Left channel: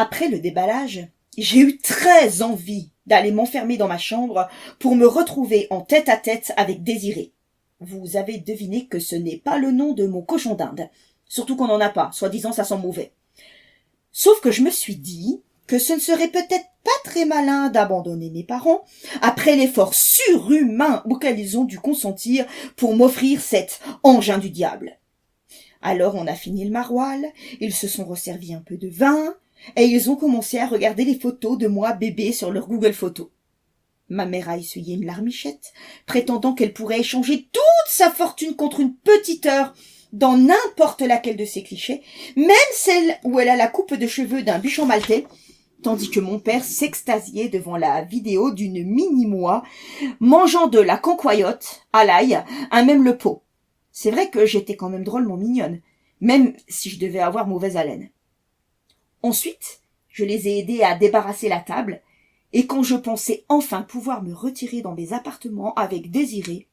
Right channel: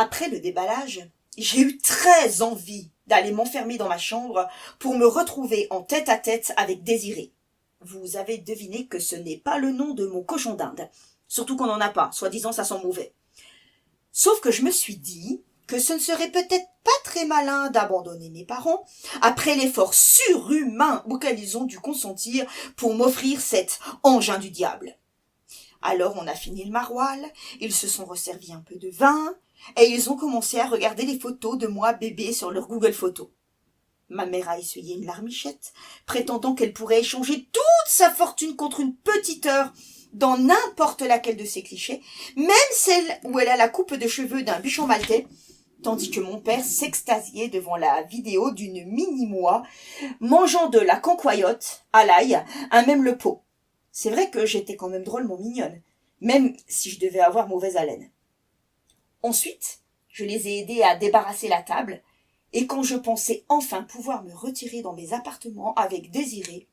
Après le déballage, j'ai eu très envie d'aller m'enfermer dans ma chambre pour me retrouver en tête-à-tête avec Désiré. Vous avez deviné que ce n'est pas le nom de mon cochon d'Inde. Surtout qu'on n'en a pas, soi-disant ça sent mauvais. Sauf que je me suis dit que ce ne serait peut-être pas très malin d'abandonner mes parents après l'effort surhumain auquel ils ont dû consentir pour m'offrir cet engin du diable. Alors on a fini le maroilles, ils se sont resservis un peu de vin, et ils ont commencé à regarder les photos de moi bébé sur leur Google Photos. Ma mère a essuyé une larmichette, prétendant qu'elle pourrait échanger toute sa fortune contre une petite heure dans n'importe laquelle de ses clichés, même celle où elle a la coupe de cheveux d'un bichon maltais, tandis que mon père s'extasiait devant la vidéo d'une mini-moi mangeant de la cancoyote à l'ail, un même le pot. C'est vrai que j'étais quand même drôlement mignonne, même si je devais avoir mauvaise haleine. Ensuite, je les ai aidés à débarrasser la table, et quand je pensais enfin pouvoir me retirer dans mes appartements avec Désiré,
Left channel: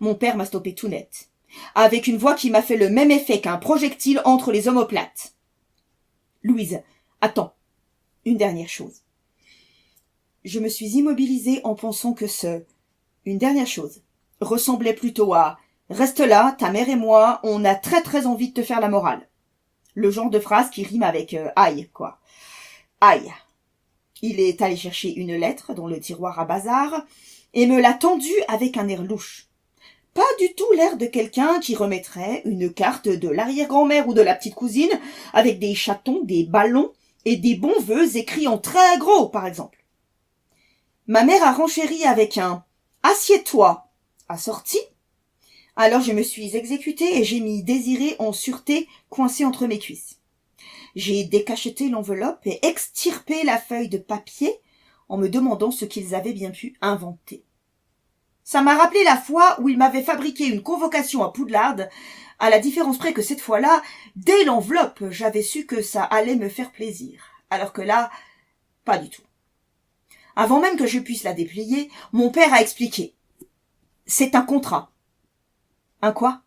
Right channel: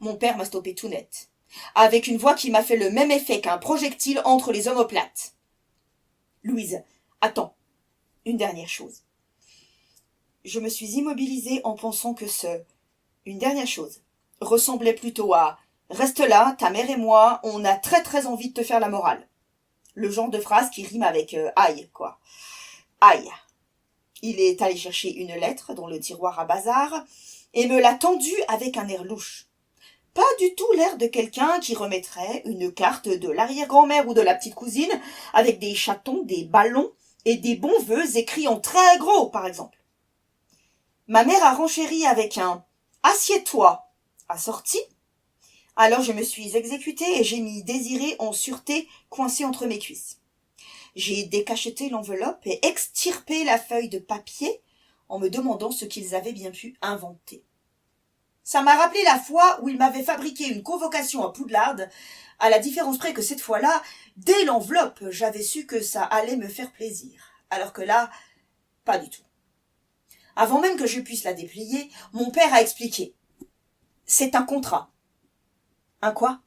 mon père m'a stoppé tout net, avec une voix qui m'a fait le même effet qu'un projectile entre les omoplates. « Louise, attends, une dernière chose. » Je me suis immobilisée en pensant que une dernière chose, ressemblait plutôt à « Reste là, ta mère et moi, on a très très envie de te faire la morale. » Le genre de phrase qui rime avec aïe, quoi. Aïe. Il est allé chercher une lettre dans le tiroir à bazar et me l'a tendue avec un air louche. Pas du tout l'air de quelqu'un qui remettrait une carte de l'arrière-grand-mère ou de la petite cousine avec des chatons, des ballons et des bons vœux écrits en très gros, par exemple. Ma mère a renchéri avec un « Assieds-toi » assorti. Alors je me suis exécutée et j'ai mis Désiré en sûreté coincé entre mes cuisses. J'ai décacheté l'enveloppe et extirpé la feuille de papier en me demandant ce qu'ils avaient bien pu inventer. Ça m'a rappelé la fois où ils m'avaient fabriqué une convocation à Poudlard, à la différence près que cette fois-là, dès l'enveloppe, j'avais su que ça allait me faire plaisir, alors que là, pas du tout. Avant même que je puisse la déplier, mon père a expliqué. C'est un contrat. Un quoi?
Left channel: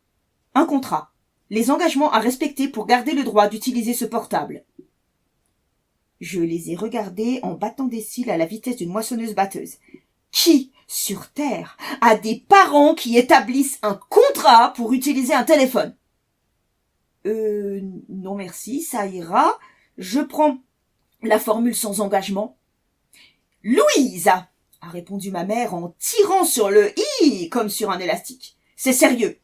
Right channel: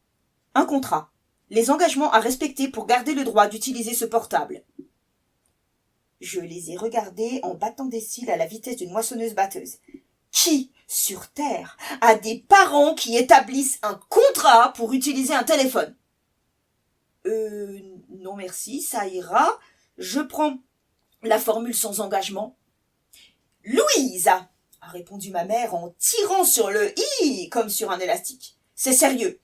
Un contrat. Les engagements à respecter pour garder le droit d'utiliser ce portable. Je les ai regardés en battant des cils à la vitesse d'une moissonneuse-batteuse. Qui, sur Terre, a des parents qui établissent un contrat pour utiliser un téléphone? Non merci, ça ira. Je prends la formule sans engagement. Louise, a répondu ma mère en tirant sur le i comme sur un élastique. C'est sérieux.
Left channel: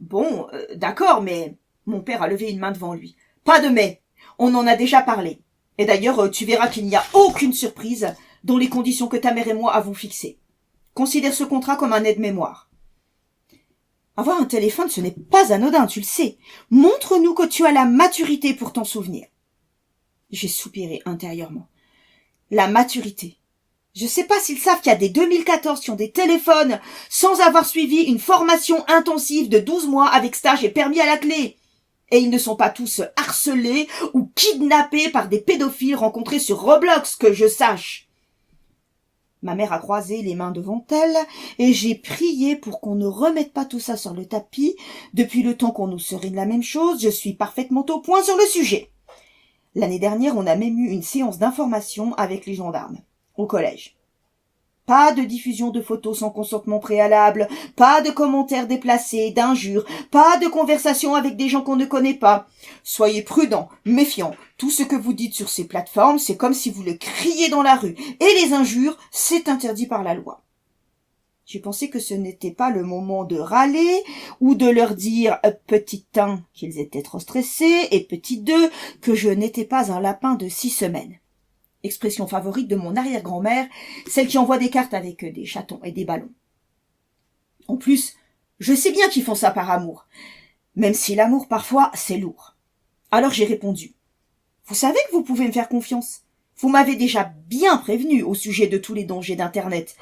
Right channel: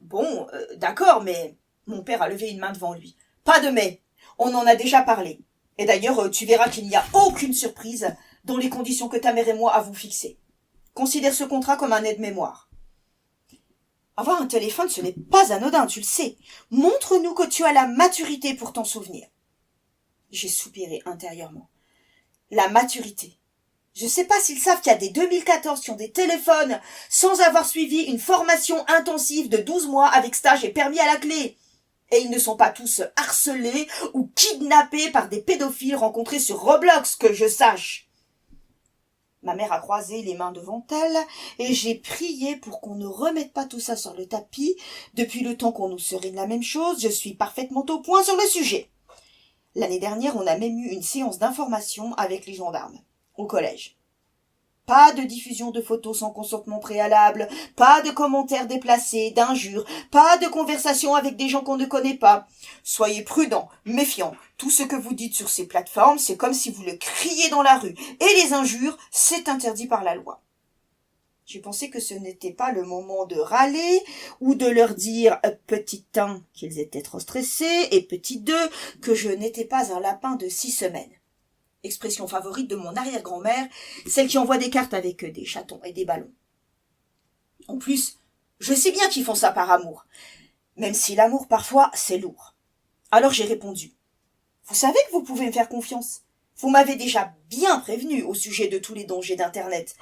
Bon, d'accord, mais mon père a levé une main devant lui. Pas de mais, on en a déjà parlé. Et d'ailleurs, tu verras qu'il n'y a aucune surprise dans les conditions que ta mère et moi avons fixées. Considère ce contrat comme un aide-mémoire. Avoir un téléphone, ce n'est pas anodin, tu le sais. Montre-nous que tu as la maturité pour t'en souvenir. J'ai soupiré intérieurement. La maturité. Je sais pas s'ils savent qu'il y a des 2014 qui ont des téléphones sans avoir suivi une formation intensive de 12 mois avec stage et permis à la clé. Et ils ne sont pas tous harcelés ou kidnappés par des pédophiles rencontrés sur Roblox, que je sache. Ma mère a croisé les mains devant elle et j'ai prié pour qu'on ne remette pas tout ça sur le tapis. Depuis le temps qu'on nous serait de la même chose, je suis parfaitement au point sur le sujet. L'année dernière, on a même eu une séance d'information avec les gendarmes, au collège. Pas de diffusion de photos sans consentement préalable, pas de commentaires déplacés, d'injures, pas de conversation avec des gens qu'on ne connaît pas. Soyez prudents, méfiants. Tout ce que vous dites sur ces plateformes, c'est comme si vous le criez dans la rue. Et les injures, c'est interdit par la loi. J'ai pensé que ce n'était pas le moment de râler ou de leur dire petit 1 qu'ils étaient trop stressés et petit 2 que je n'étais pas un lapin de 6 semaines. Expression favorite de mon arrière-grand-mère, celle qui envoie des cartes avec des chatons et des ballons. En plus, je sais bien qu'ils font ça par amour, même si l'amour parfois c'est lourd. Alors j'ai répondu. Vous savez que vous pouvez me faire confiance. Vous m'avez déjà bien prévenu au sujet de tous les dangers d'Internet,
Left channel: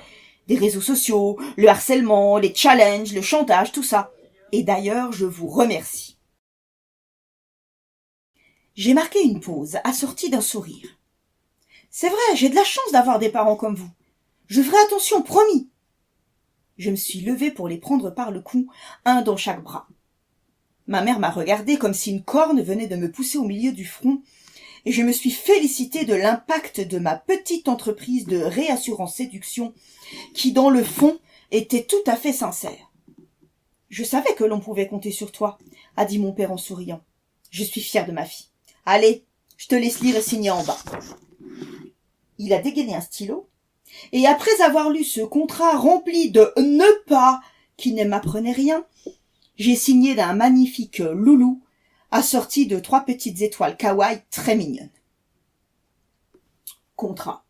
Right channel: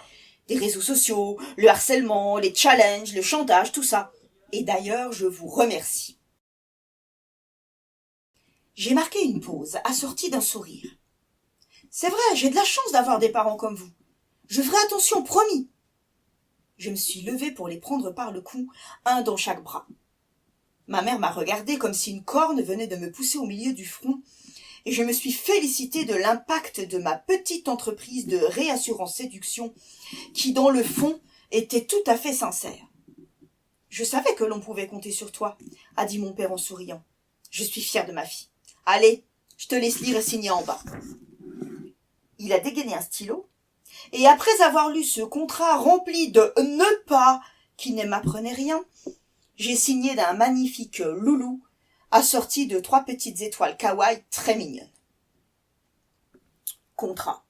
des réseaux sociaux, le harcèlement, les challenges, le chantage, tout ça. Et d'ailleurs, je vous remercie. J'ai marqué une pause, assortie d'un sourire. C'est vrai, j'ai de la chance d'avoir des parents comme vous. Je ferai attention, promis. Je me suis levée pour les prendre par le cou, un dans chaque bras. Ma mère m'a regardée comme si une corne venait de me pousser au milieu du front, et je me suis félicitée de l'impact de ma petite entreprise de réassurance séduction qui, dans le fond, était tout à fait sincère. « Je savais que l'on pouvait compter sur toi, » a dit mon père en souriant. « Je suis fière de ma fille. Allez, je te laisse lire et signer en bas. » Il a dégainé un stylo, et après avoir lu ce contrat rempli de « ne pas » qui ne m'apprenait rien, j'ai signé d'un magnifique loulou assorti de 3 petites étoiles kawaii très mignonnes. Contrat.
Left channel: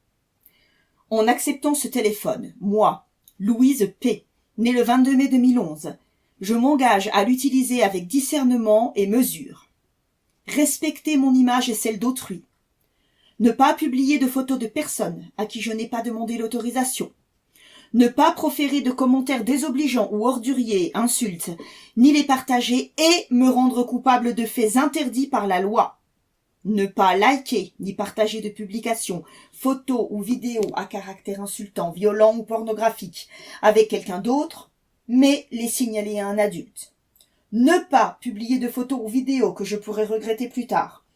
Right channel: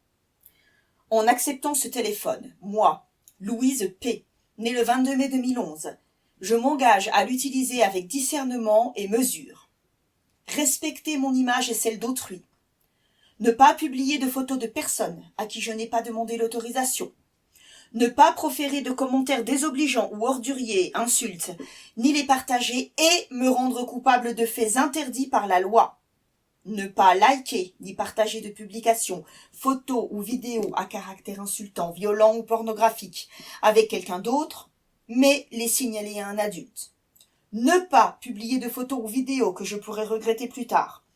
En acceptant ce téléphone, moi, Louise P., née le 22 mai 2011, je m'engage à l'utiliser avec discernement et mesure. Respecter mon image et celle d'autrui. Ne pas publier de photos de personnes à qui je n'ai pas demandé l'autorisation. Ne pas proférer de commentaires désobligeants ou orduriers, insultes, ni les partager et me rendre coupable de faits interdits par la loi. Ne pas liker ni partager de publications, photos ou vidéos à caractère insultant, violent ou pornographique avec quelqu'un d'autre, mais les signaler à un adulte. Ne pas publier de photos ou vidéos que je pourrais regretter plus tard.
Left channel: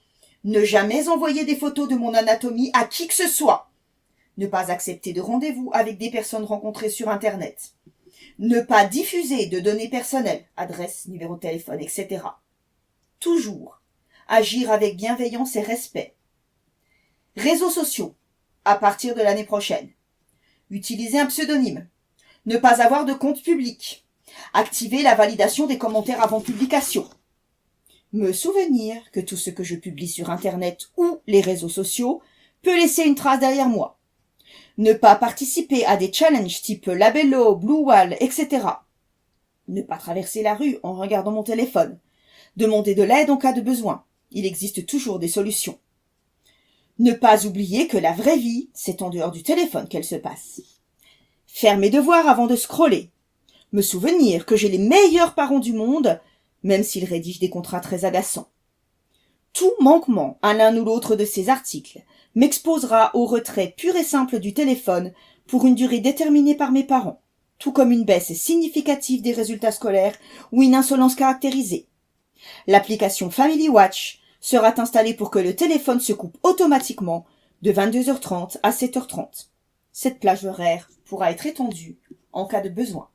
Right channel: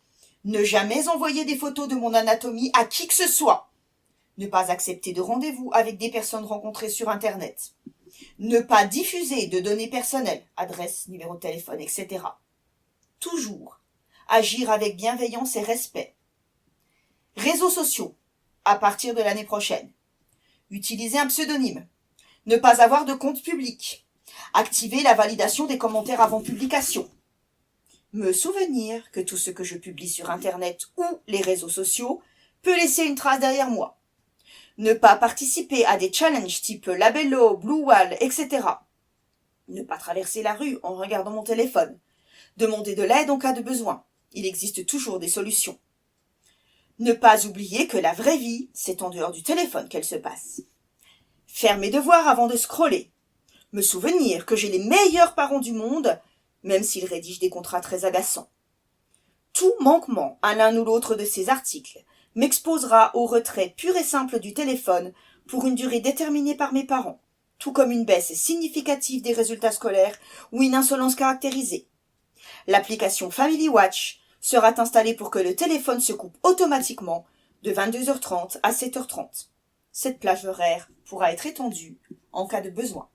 Ne jamais envoyer des photos de mon anatomie à qui que ce soit. Ne pas accepter de rendez-vous avec des personnes rencontrées sur Internet. Ne pas diffuser de données personnelles, adresse, numéro de téléphone, etc. Toujours agir avec bienveillance et respect. Réseaux sociaux, à partir de l'année prochaine. Utiliser un pseudonyme. Ne pas avoir de compte public. Activer la validation des commentaires avant publication. Me souvenir que tout ce que je publie sur Internet ou les réseaux sociaux peut laisser une trace derrière moi. Ne pas participer à des challenges type Labello, Blue Wall, etc. Ne pas traverser la rue en regardant mon téléphone. Demander de l'aide en cas de besoin. Il existe toujours des solutions. Ne pas oublier que la vraie vie, c'est en dehors du téléphone qu'elle se passe. Faire mes devoirs avant de scroller. Me souvenir que j'ai les meilleurs parents du monde, même s'ils rédigent des contrats très agaçants. Tout manquement à l'un ou l'autre de ces articles m'exposera au retrait pur et simple du téléphone pour une durée déterminée par mes parents, tout comme une baisse significative des résultats scolaires ou une insolence caractérisée. L'application Family Watch sera installée pour que le téléphone se coupe automatiquement de 22h30 à 7h30. Cette plage horaire pourra être étendue en cas de besoin.